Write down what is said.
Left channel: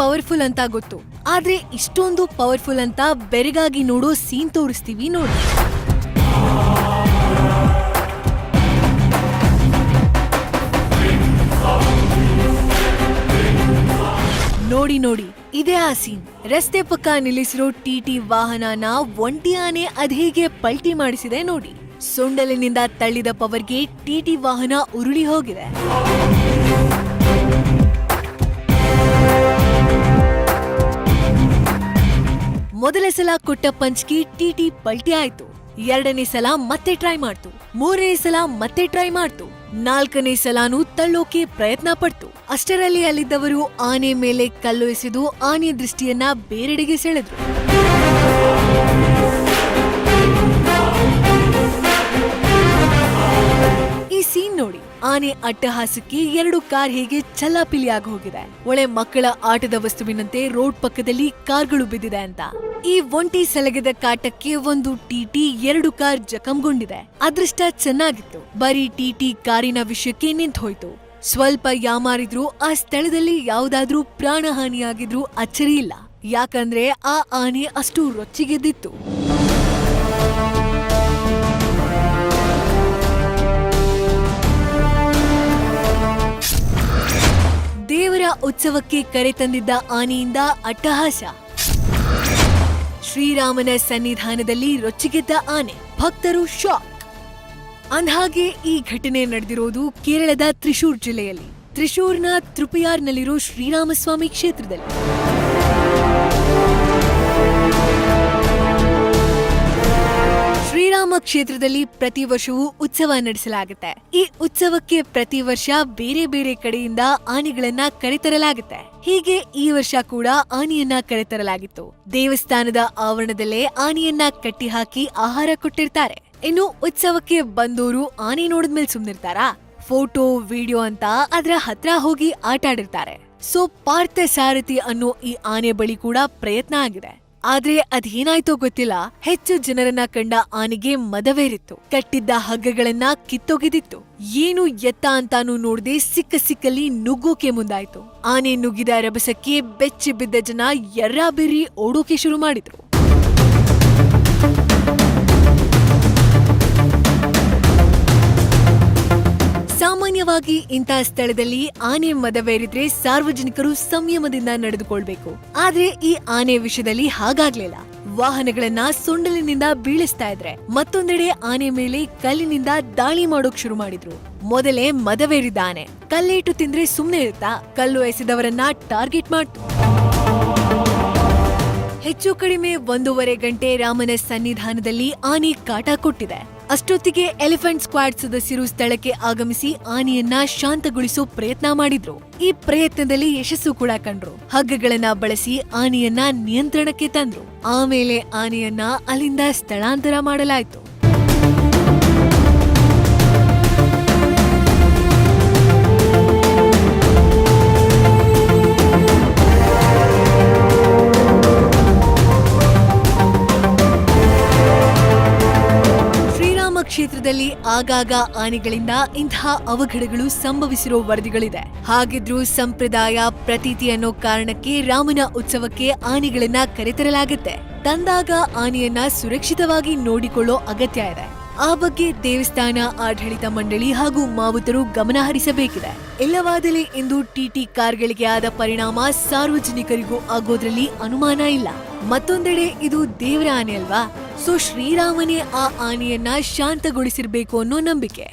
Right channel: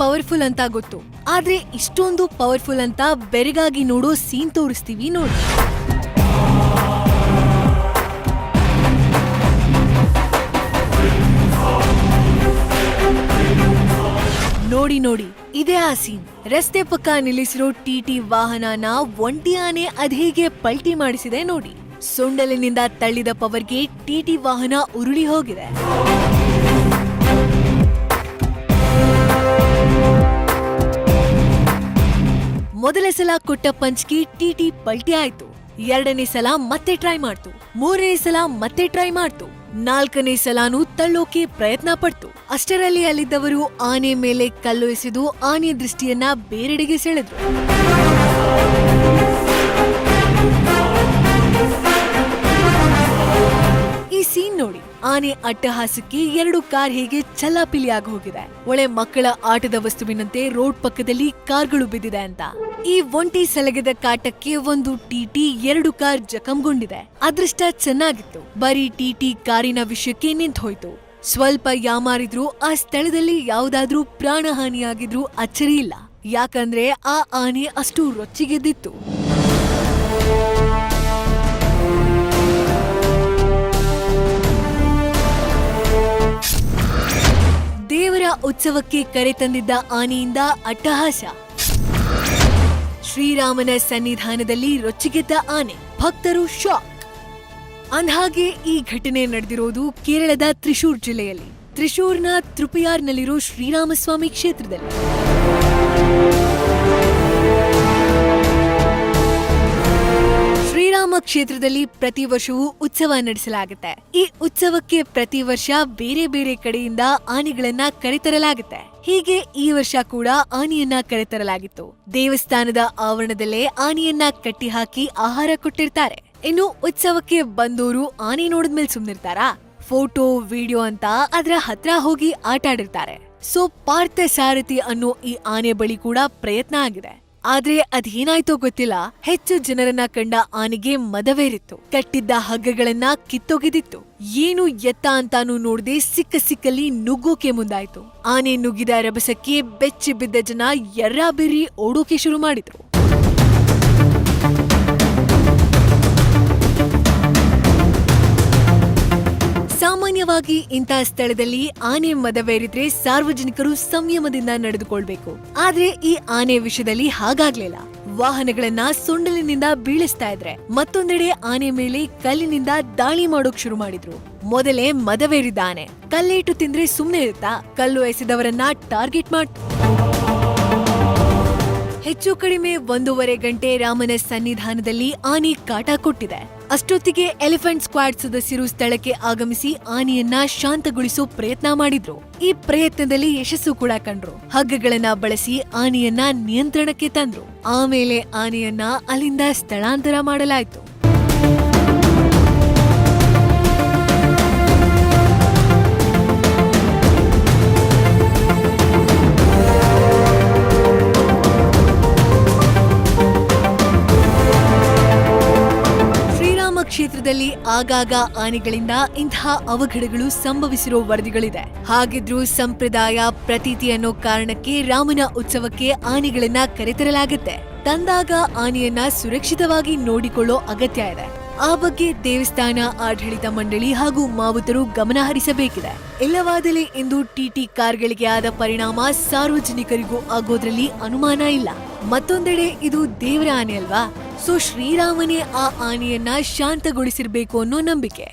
Powerful ಅಂತ ಗೊತ್ತು, ಆದ್ರೆ ಇಷ್ಟೊಂದು ಪವರ್ಫುಲ್ ಅಂತ ಬೆರಗಾಗಿ ನೋಡೋ ಸೀನ್ ತೋರಿಸ್ತೀವಿ ನೋಡಿ. ನೋಡಿ ನೋಡಿ, ಇದೇ ಆ ಸೀನ್. ರಸ್ತೆ ಪಕ್ಕ ನಿಲ್ಲಿಸಿರೋ ಟಿಟಿ ವಾಹನನ ಒಂಟಿ ಆನೆ ಅದ್ಹೇಗೆ ಪಲ್ಟಿ ಮಾಡಿಸಿದೆ ನೋಡಿ. ಸೊಂಡಲಿನಿಂದ ತಳ್ಳಿದ ಪವರ್ಗೆ ಟಿಟಿ ವಾಹನ ಉರುಳಿ ಹೋಗಿದೆ. ಮೊದಲ ಸಲ ಕೊಟ್ಟ ಪಂಚ್ಗೆ ಟಿಟಿ ಪಲ್ಟಿ ಆಯ್ತು. ಎರಡನೇ ಸಲ ಮತ್ತೆ ಟ್ರೈ ಮಾಡ್ತು. ಮೂರನೇ ಸಲ ಮತ್ತೆ ಟ್ರೈ ಮಾಡ್ತು. ನಾಲ್ಕನೇ ಸಲಾನು ತಳ್ಳೋಕೆ ಪ್ರಯತ್ನ ಪಡ್ತು. ಅಷ್ಟರಲ್ಲಿ ಅಲ್ಲಿದ್ದವರು ಆನೆ ಮೇಲೆ ಕಲ್ಲು ಎಸೆದು ಆನೆ ದೃಷ್ಟಿಯನ್ನ ಬೇರೆಡೆಗೆ ಸೆಳೆದ್ರು. ಈ ಸೀನ್ ನೋಡಿ, ಆನೆ ಅಟ್ಟಹಾಸಕ್ಕೆ ಎರಡು ಕಾರ್ ಹೇಗೆ ಚಲ್ಲಾಪಿಲಿಯಾಗಿ ಹೋಗಿದೆ. ಒಳ್ಳೆ ಮಕ್ಕಳ ಆಟದ ವಸ್ತುವಿನಂತೆ ರೋಡ್ ಪಕ್ಕದಲ್ಲಿ ಕಾರ್ಗಳು ಬಿದ್ದಿದೆ ಅಂತ. ಈ ಒಂಟಿ ಸಲಗದ ಕಾಟಕ್ಕೆ ಒಂದು ಟಿಟಿ, ಎರಡು ಕಾರ್ ಜಖಂಗೊಂಡಿದೆ. ಅದೃಷ್ಟ ಚೆನ್ನಾಗಿತ್ತು, ಬರೀ ಟಿಟಿ ಕಾರಿನ ವಿಷಯಕ್ಕೆ ನಿಂತು ಹೋಯ್ತು. ಸ್ವಲ್ಪ ಯಾಮಾರಿದ್ರು ಆ ಸ್ಥಳದಲ್ಲಿ ಯಾವುದಾದ್ರೂ ಪ್ರಾಣಹಾನಿಯಾಗಿದ್ರು ಅಚ್ಚರಿ ಇಲ್ಲ, ಯಾಕಂದ್ರೆ ಆ ಆನೆ ಅಷ್ಟು ರೊಚ್ಚಿಗೆದ್ದಿತ್ತು. ದೇವರ ಉತ್ಸವಕ್ಕೆ ಕರೆ ತಂದಿದ್ದ ಆನೆಯಿಂದ ಅಟ್ಟಹಾಸ. ಶ್ರೀರಾಮನ ಸನ್ನಿಧಾನದಲ್ಲಿ ರೊಚ್ಚಿಗೆದ್ದ ಆನೆ, ಭಕ್ತರು ಶಾಕ್. ಅಂದ್ಹಾಗೆ ಈ ಘಟನೆ ನಡೆದಿರೋದು ಕೇರಳದ ತ್ರಿಶೂರ್ ಜಿಲ್ಲೆಯಲ್ಲಿ, ತ್ರಿಶೂರ್ನ ತೃಪಯಾರ್ನಲ್ಲಿರೋ ಶ್ರೀರಾಮಸ್ವಾಮಿ ಕ್ಷೇತ್ರದಲ್ಲಿ. ಕ್ಷೇತ್ರದಲ್ಲಿ ಪ್ರತಿ ವರ್ಷವೂ ಉತ್ಸವ ನಡೆಸಲಾಗುತ್ತೆ. ಈ ಉತ್ಸವಕ್ಕೆ ಪ್ರತಿ ವರ್ಷ ಬೇರೆ ಬೇರೆ ಕಡೆಯಿಂದ ಆನೆಗಳನ್ನ ಕರೆತರಲಾಗುತ್ತೆ. ಹೀಗೆ ಈ ವರ್ಷ ಕೂಡ ಆನೆಯನ್ನ ಕರೆತರಲಾಗಿತ್ತು. ದೇವಸ್ಥಾನದ ಆವರಣದಲ್ಲೇ ಆನೆಯನ್ನ ಕಟ್ಟಿ ಹಾಕಿ ಆಹಾರ ಕೊಟ್ಟಿರ್ತಾರೆ. ಇನ್ನು ಉತ್ಸವಕ್ಕೆ ಬಂದವರು ಆನೆ ನೋಡಿದ್ಮೇಲೆ ಸುಮ್ನಿರ್ತಾರಾ? ಫೋಟೋ ವಿಡಿಯೋ ಅಂತ ಅದ್ರ ಹತ್ರ ಹೋಗಿ ಆಟ ಆಡಿರ್ತಾರೆ. ಸೊ ಪಾರ್ಥ ಸಾರಥಿ ಅನ್ನೋ ಈ ಆನೆ ಬಳಿ ಕೂಡ ಪ್ರಯತ್ನ ಆಗಿದೆ. ಆದ್ರೆ ಅದೇನಾಯ್ತೋ ಗೊತ್ತಿಲ್ಲ, ಹೆಚ್ಚು ಜನರನ್ನ ಕಂಡ ಆನೆಗೆ ಮದವೇರಿತ್ತು. ಕಟ್ಟಿದ್ದ ಹಗ್ಗಗಳನ್ನ ಕಿತ್ತೊಗೆದಿತ್ತು. ಏನು ಎತ್ತ ಅಂತಾನು ನೋಡದೆ ಸಿಕ್ಕಲ್ಲಿ ನುಗ್ಗೋಕೆ ಮುಂದಾಯ್ತು. ಆನೆ ನುಗ್ಗಿದ ರಭಸಕ್ಕೆ ಬೆಚ್ಚಿ ಬಿದ್ದ ಜನ ಎರ್ರಾಬಿರ್ರಿ ಓಡೋಕೆ ಶುರು ಮಾಡಿದ್ರು. ಸಾಮಾನ್ಯವಾಗಿ ಇಂತಹ ಸ್ಥಳದಲ್ಲಿ ಆನೆ ಮದವೇರಿದ್ರೆ ಸಾರ್ವಜನಿಕರು ಸಂಯಮದಿಂದ ನಡೆದುಕೊಳ್ಬೇಕು. ಆದ್ರೆ ಈ ಆನೆ ವಿಷಯದಲ್ಲಿ ಹಾಗಾಗ್ಲಿಲ್ಲ. ವಾಹನಗಳನ್ನ ಸೊಂಡಲಿನಿಂದ ಬೀಳಿಸ್ತಾ ಇದ್ರೆ ಮತ್ತೊಂದೆಡೆ ಆನೆ ಮೇಲೆ ಕಲ್ಲಿನಿಂದ ದಾಳಿ ಮಾಡೋಕ್ ಶುರು ಮಾಡಿದ್ರು. ಮೊದಲೇ ಮದವೇರಿದ ಆನೆ ಕಲ್ಲೇಟು ತಿಂದ್ರೆ ಸುಮ್ನೆ ಇರುತ್ತಾ? ಕಲ್ಲು ಎಸೆದವರನ್ನ ಟಾರ್ಗೆಟ್ ಮಾಡ್ತು. ಹೆಚ್ಚು ಕಡಿಮೆ 1.5 ಗಂಟೆ ರಾಮನ ಸನ್ನಿಧಾನದಲ್ಲಿ ಆನೆ ಕಾಟ ಕೊಟ್ಟಿದೆ. ಅಷ್ಟೊತ್ತಿಗೆ ಎಲಿಫೆಂಟ್ ಸ್ಕ್ವಾಡ್ ಸದಸ್ಯರು ಸ್ಥಳಕ್ಕೆ ಆಗಮಿಸಿ ಆನೆಯನ್ನ ಶಾಂತಗೊಳಿಸೋ ಪ್ರಯತ್ನ ಮಾಡಿದ್ರು. ಈ ಪ್ರಯತ್ನದಲ್ಲಿ ಯಶಸ್ಸು ಕೂಡ ಕಂಡ್ರು. ಹಗ್ಗಗಳನ್ನ ಬಳಸಿ ಆನೆಯನ್ನ ನಿಯಂತ್ರಣಕ್ಕೆ ತಂದ್ರು. ಆಮೇಲೆ ಆನೆಯನ್ನ ಅಲ್ಲಿಂದ ಸ್ಥಳಾಂತರ ಮಾಡಲಾಯಿತು. ಕ್ಷೇತ್ರದಲ್ಲಿ ಆಗಾಗ ಆನೆಗಳಿಂದ ಇಂತಹ ಅವಘಡಗಳು ಸಂಭವಿಸಿರೋ ವರದಿಗಳಿದೆ. ಹಾಗಿದ್ರೂ ಸಂಪ್ರದಾಯ ಪ್ರತೀತಿ ಅನ್ನೋ ಕಾರಣಕ್ಕೆ ರಾಮನ ಉತ್ಸವಕ್ಕೆ ಆನೆಗಳನ್ನ ಕರೆತರಲಾಗುತ್ತೆ. ತಂದಾಗ ಆನೆಯನ್ನ ಸುರಕ್ಷಿತವಾಗಿ ನೋಡಿಕೊಳ್ಳೋ ಅಗತ್ಯ ಇದೆ. ಆ ಬಗ್ಗೆ ದೇವಸ್ಥಾನ ಆಡಳಿತ ಮಂಡಳಿ ಹಾಗೂ ಮಾವುತರು ಗಮನ ಹರಿಸಬೇಕಿದೆ. ಇಲ್ಲವಾದಲ್ಲಿ ಇಂದು ಟಿಟಿ ಕಾರ್ಗಳಿಗೆ ಆದ ಪರಿಣಾಮ ಸಾರ್ವಜನಿಕರಿಗೂ ಆಗೋದ್ರಲ್ಲಿ ಅನುಮಾನ ಇಲ್ಲ. ಮತ್ತೊಂದೆಡೆ ಇದು ದೇವರ ಆನೆ ಅಲ್ವಾ? ಸೊ ಶ್ರೀರಾಮನೇ ಆ ಆನೆಯನ್ನ ಶಾಂತಗೊಳಿಸಿರ್ಬೇಕು ಅನ್ನೋ ನಂಬಿಕೆ.